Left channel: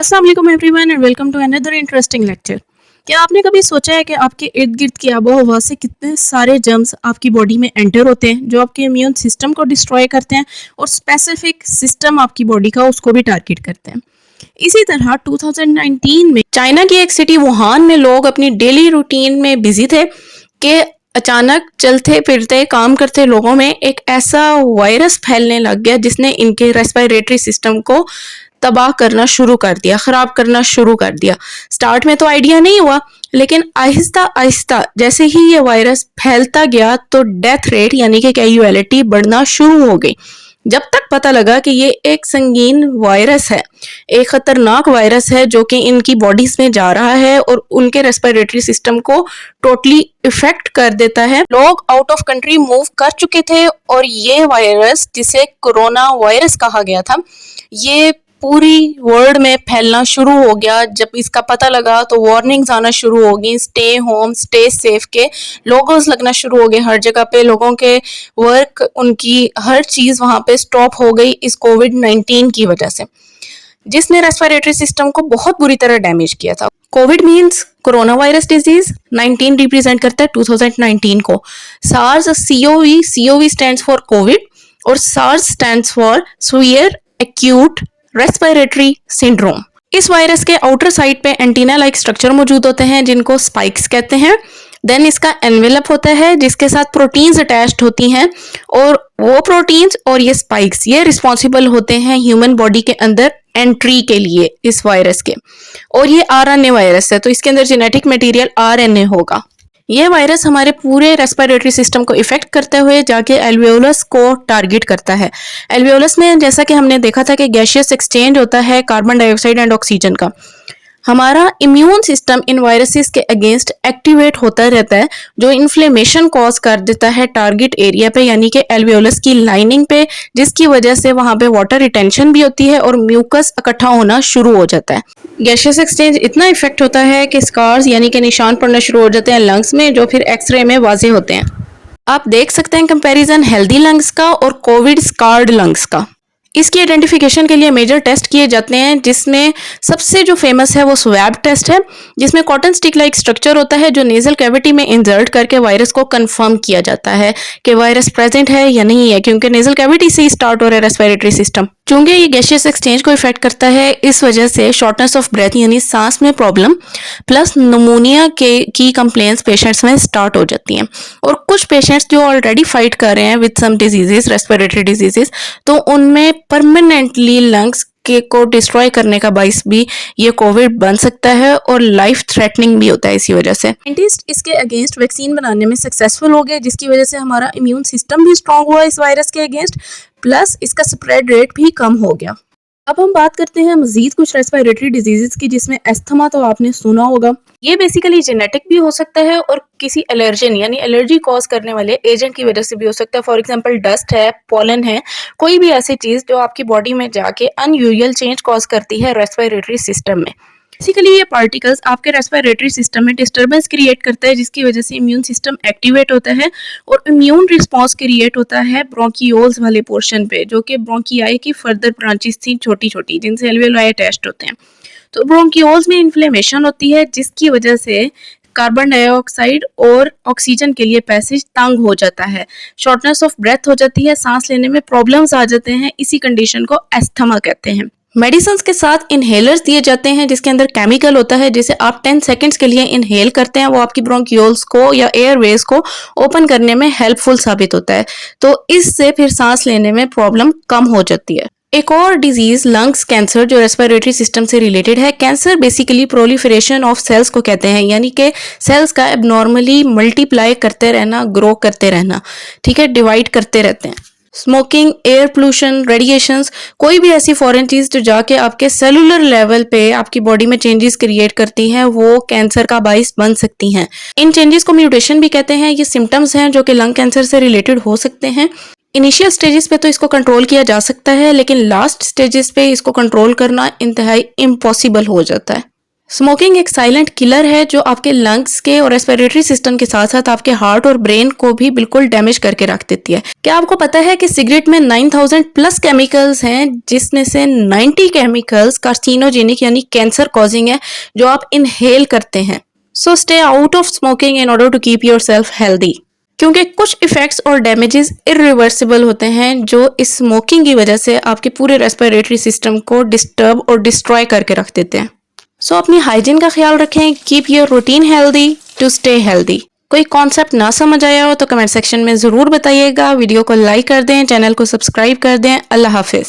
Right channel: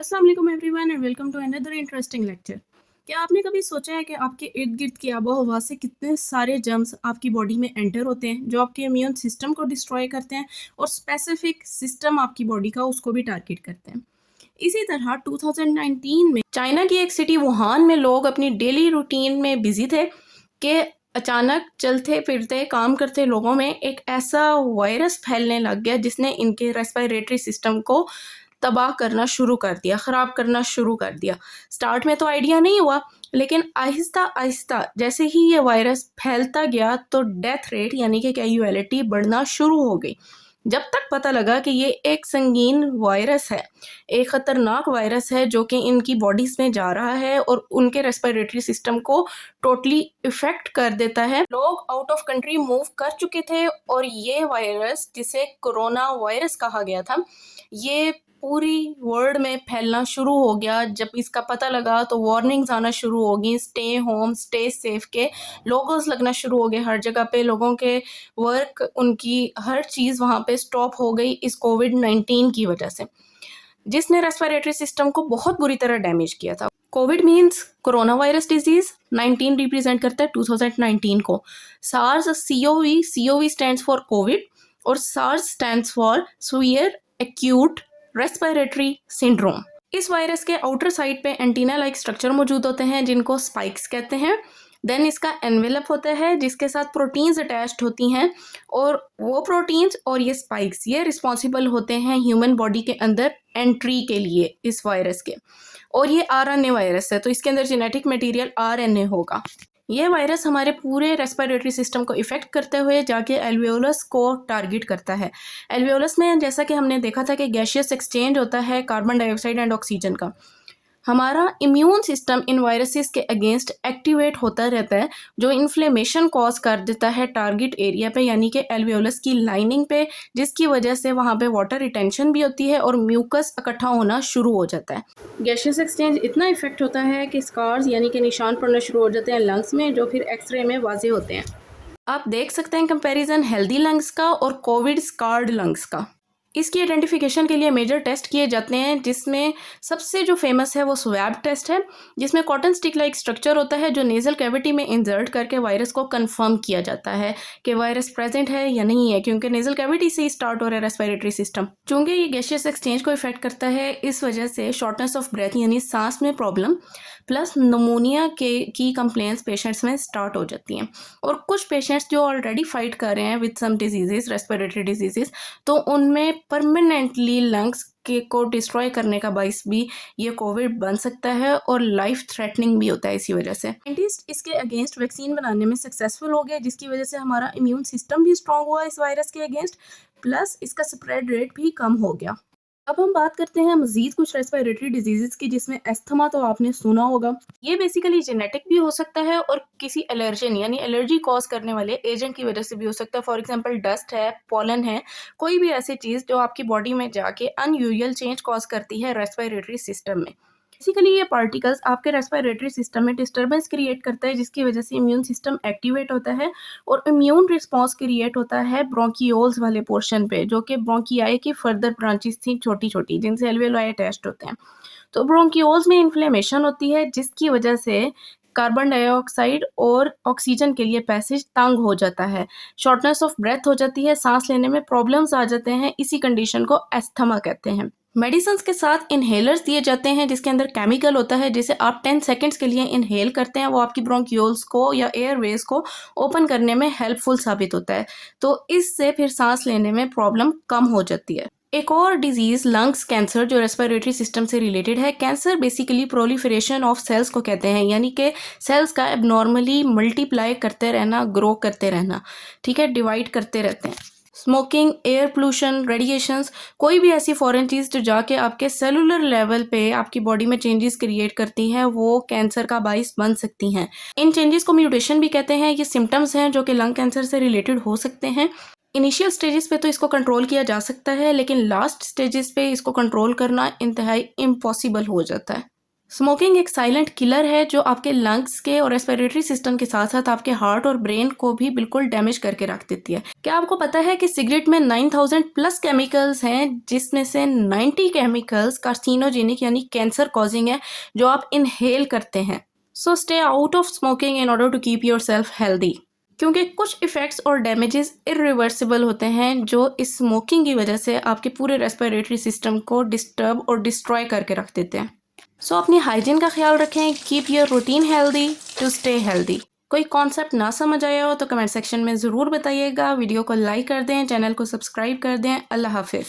अस्सलाम वालेकुम everyone and welcome to another interesting lecture. क्या आपने कभी सोचा है कि आपके इर्द गिर्द की आबो हवा से कितने सारे जर्म्स आपकी बॉडी में एंटर होते हैं जो आपके इम्यून सिस्टम को डिस्ट्रॉय करते हैं और स्पेसिफिक सिस्टम आपकी बॉडी का उसको भी टारगेट करते हैं। इसी तरह 2019 में चाइना की एक सिटी वुहान में लोग अपनी डेली रूटीन में बिजी थे कि अचानक चलते फिरते काम करते लोगों में एक ऐसा वायरस फैलने लग गया जिसने इनके रेस्पिरेटरी सिस्टम को तबाह करना शुरू कर दिया, ख़राब करना शुरू कर दिया। स्टार्ट में तो आइडिया नहीं हुआ, लेकिन आहिस्ता आहिस्ता जैसे ही ये वायरस फैलता गया तो डेथ रेट यानी कि कैजुअलिटी बढ़ना शुरू हो गई। जब तक पता लगा कि ये एक संगीन वायरस है, एक ख़तरनाक वायरस है जो कि इनकी बॉडीज़ में जा रहा है और उनके रेस्पिरेटरी सिस्टम को टोटली इफ़ेक्ट कर देता है। लोग आउट ऑफ कंट्री मूव कर चुके थे और ये वायरस, जिसे कोरोना वायरस कहा गया था, ये पूरी वर्ल्ड में फैलना शुरू हो गया। जब इसका पता लगा तो वार्निंग्स आना शुरू हो गई, स्टे होम, स्टे सेफ के लोगोस लगना शुरू हो गए हर जगह पे। लोगों के वर्क, उनकी हर चीज़ वहाँ पे स्टॉप हो गई इस कोविड-19 की वजह से, जिसने रेस्पिरेटरी सिस्टम को बहुत बुरी तरह डैमेज किया था। COVID means corona virus disease, 19 represent करता है 2019 को। SARS COV stands for COVID और SARS stands for severe acute respiratory syndrome. इस वायरस के आउटर साइड पे एंटीना लाइक स्ट्रक्चर मौजूद होते हैं जिनको स्पाइक्स कहते हैं। देन इसका एनवेलप होता है जिसके साथ प्रोटीन्स अटैच्ड होती हैं, और वो प्रोटीन्स और ये स्पाइक्स ये रिस्पॉन्सिबल होते हैं ह्यूमन बॉडी के अंदर एंट्री के लिए इस वायरस के। और ये RNA वायरस है तो इसके अंदर जेनेटिक मटेरियल RNA होगा। यह वायरस हमारे पूरे रेस्पिरेटरी सिस्टम को इफेक्ट करते हुए जाके एल्वियोलस को टारगेट करता है। एल्वियोलस में जैसा कि हमने देखा था कि गैसियस एक्सचेंज होता है कार्बन डाइऑक्साइड एंड ऑक्सीजन का। हमारा इम्यून सिस्टम इन वायरसेस के अगेंस्ट एक्टिवेट होता रहता है, जो इन्फ्लेमेशन कॉज कर देता है टारगेट एरिया पे यानी कि एल्वियोलस की लाइनिंग पे, जिसकी वजह से वहाँ पे वाटर रिटेंशन भी होती है और म्यूकस इकट्ठा होना शुरू हो जाता है। गैसियस एक्सचेंज इतना इफेक्ट होता है कि स्कार्स यानी कि निशान पड़ना शुरू हो जाते हैं लंग्स में, जो फिर एक्सरे में वाजे होते हैं। आप देख सकते हैं कंपैरिजन हेल्दी लंग्स का और कोविड स्कार्ड लंग्स का। इसकी आइडेंटिफिकेशन के लिए मेजर टेस्ट किए जाते हैं, जिसमें सबसे जो फेमस है वो स्वैब टेस्ट है, जिसमें कॉटन स्टिक लाइक स्ट्रक्चर होता है जो नेजल कैविटी में इंसर्ट करके वायरस को कंफर्म किया जाता है कि वायरस प्रेजेंट है या नहीं है, क्योंकि नेजल कैविटी से ही स्टार्ट हो रहा है रेस्पिरेटरी सिस्टम। चूंकि ये गैसियस एक्सचेंज को इफेक्ट करता है, इस वजह से शॉर्टनेस ऑफ ब्रेथ यानी सांस में प्रॉब्लम प्लस निमोनिया की कंप्लेंट्स पेशेंट्स में स्टार्ट हो जाती हैं। और कुछ पेशेंट्स जो ऑलरेडी फाइट कर रहे हैं with some diseases, respiratory diseases, तो उनमें परमानेंटली लंग्स के को डिस्ट्रॉय करने का बाइस भी ये कोविड बन सकता है और लाइफ थ्रेटनिंग भी होता है। इसी वजह से साइंटिस्ट इसके अगेंस्ट वैक्सीन बनाने में सक्सेसफुल हो गए, जिसकी वजह से हमारा इम्यून सिस्टम भी स्ट्रांग हुआ इस वायरस के अगेंस्ट, प्लस इसका स्प्रेड रेट भी कम हो गया। अब हम बात करते हैं मजीद कुछ रेस्पिरेटरी डिजीजेस की, जिसमें एस्थमा तो आपने सुना होगा। ये बेसिकली जेनेटिक भी हो सकता है और किसी एलर्जन यानी एलर्जी कॉज करने वाले एजेंट की वजह से भी हो सकता है। फॉर एग्जांपल डस्ट है, पॉलन है, कोई भी ऐसी चीज़ जो आपकी बॉडी में जाके अनयूजुअल चेंज कॉज करती है रेस्पिरेटरी सिस्टम में। बेसिकली ये पार्टिकल्स आपके रेस्पिरेटरी सिस्टम में डिस्टर्बेंस क्रिएट करता है, जिसकी वजह से इम्यून सिस्टम एक्टिवेट होता है और इम्यून रिस्पॉन्स क्रिएट होता है ब्रोंकियोल्स वाले पोर्शन पे, जो कि ब्रोंकियाई की फर्दर ब्रांचेस थी छोटी छोटी, जिनसे एल्वियोलाई अटैच्ड होते हैं। तो ब्रोंकियोल्स में इन्फ्लेमेशन होती है, जिसकी वजह से कार्बन डाइऑक्साइड और ऑक्सीजन के लिए पैसेज तंग हो जाता है, शॉर्टनेस ऑफ ब्रेथ हो जाती है, सांस लेने में प्रॉब्लम्स आ जाते हैं। इसी कंडीशन को एस्थमा कहते हैं। मेडिसिन के साथ इनहेलर्स दिए जाते हैं जिसके अंदर केमिकल होता है, जिसे आप 10 सेकंड्स के लिए इनहेल करते हैं। वो आपकी ब्रोंकियोल्स को या एयरवेज को ओपन करने में हेल्पफुल साबित होता है, तो इससे फिर सांस लेने में प्रॉब्लम कम हो जाती है। एक और डिजीज लंग्स कैंसर जो रेस्पिरेटरी सिस्टम से रिलेटेड है। Cancer basically proliferation of cells को कहते हैं, यानी कि सेल्स का एबनॉर्मली मल्टीप्लाई करते रहना, ग्रो करते रहना, ठीक है, डिवाइड करते रहते हैं। स्मोकिंग, एयर पोल्यूशन, रेडिएशंस, कोई भी ऐसी फॉरेन चीज़ जो जाके आपके सेलुलर लेवल पे आपकी बॉडी में चेंजेस क्रिएट करती हैं, वो कैंसर का बाइस बन सकती हैं। इन चेंजेस को म्यूटेशन भी कहते हैं। ये सिम्टम्स हैं जो कि लंग कैंसर से रिलेटेड हो सकते हैं। इनिशियल स्टेजेस पे तो इसको कंट्रोल किया जा सकता है, लेकिन लास्ट स्टेजेस पे इसको कंट्रोल करना इंतहाई इम्पॉसिबल हो जाता है। स्मोकिंग एक साइलेंट किलर है जो आपके लंग्स के और रेस्पिरेटरी सिस्टम के साथ साथ आपके हार्ट और ब्रेन को भी बिल्कुल डैमेज करके रख देती है। क्या आपको पता है कि सिगरेट में 9000 प्लस केमिकल्स हैं, जिसमें से 90 केमिकल्स कार्सिनोजेनिक यानी कैंसर कॉजिंग है जो आप इनहेल करते हैं। So stay out of smoking in order to keep yourself healthy, क्योंकि कुछ इफेक्ट्स और डैमेजेस इरिवर्सिबल होते हैं जो इस स्मोकिंग की वजह से आपके पूरे रेस्पिरेटरी सिस्टम को डिस्टर्ब और डिस्ट्रॉय करके रख देते हैं। सो अपनी हाइजीन का ख्याल रखें। Keep your routine healthy to stay healthy. कोई कॉन्सेप्ट ना समझ आया हो तो कमेंट सेक्शन में ज़रूर बताइएगा। वीडियो को लाइक कर दें, चैनल को सब्सक्राइब कर दें। अल्लाह हाफिज़।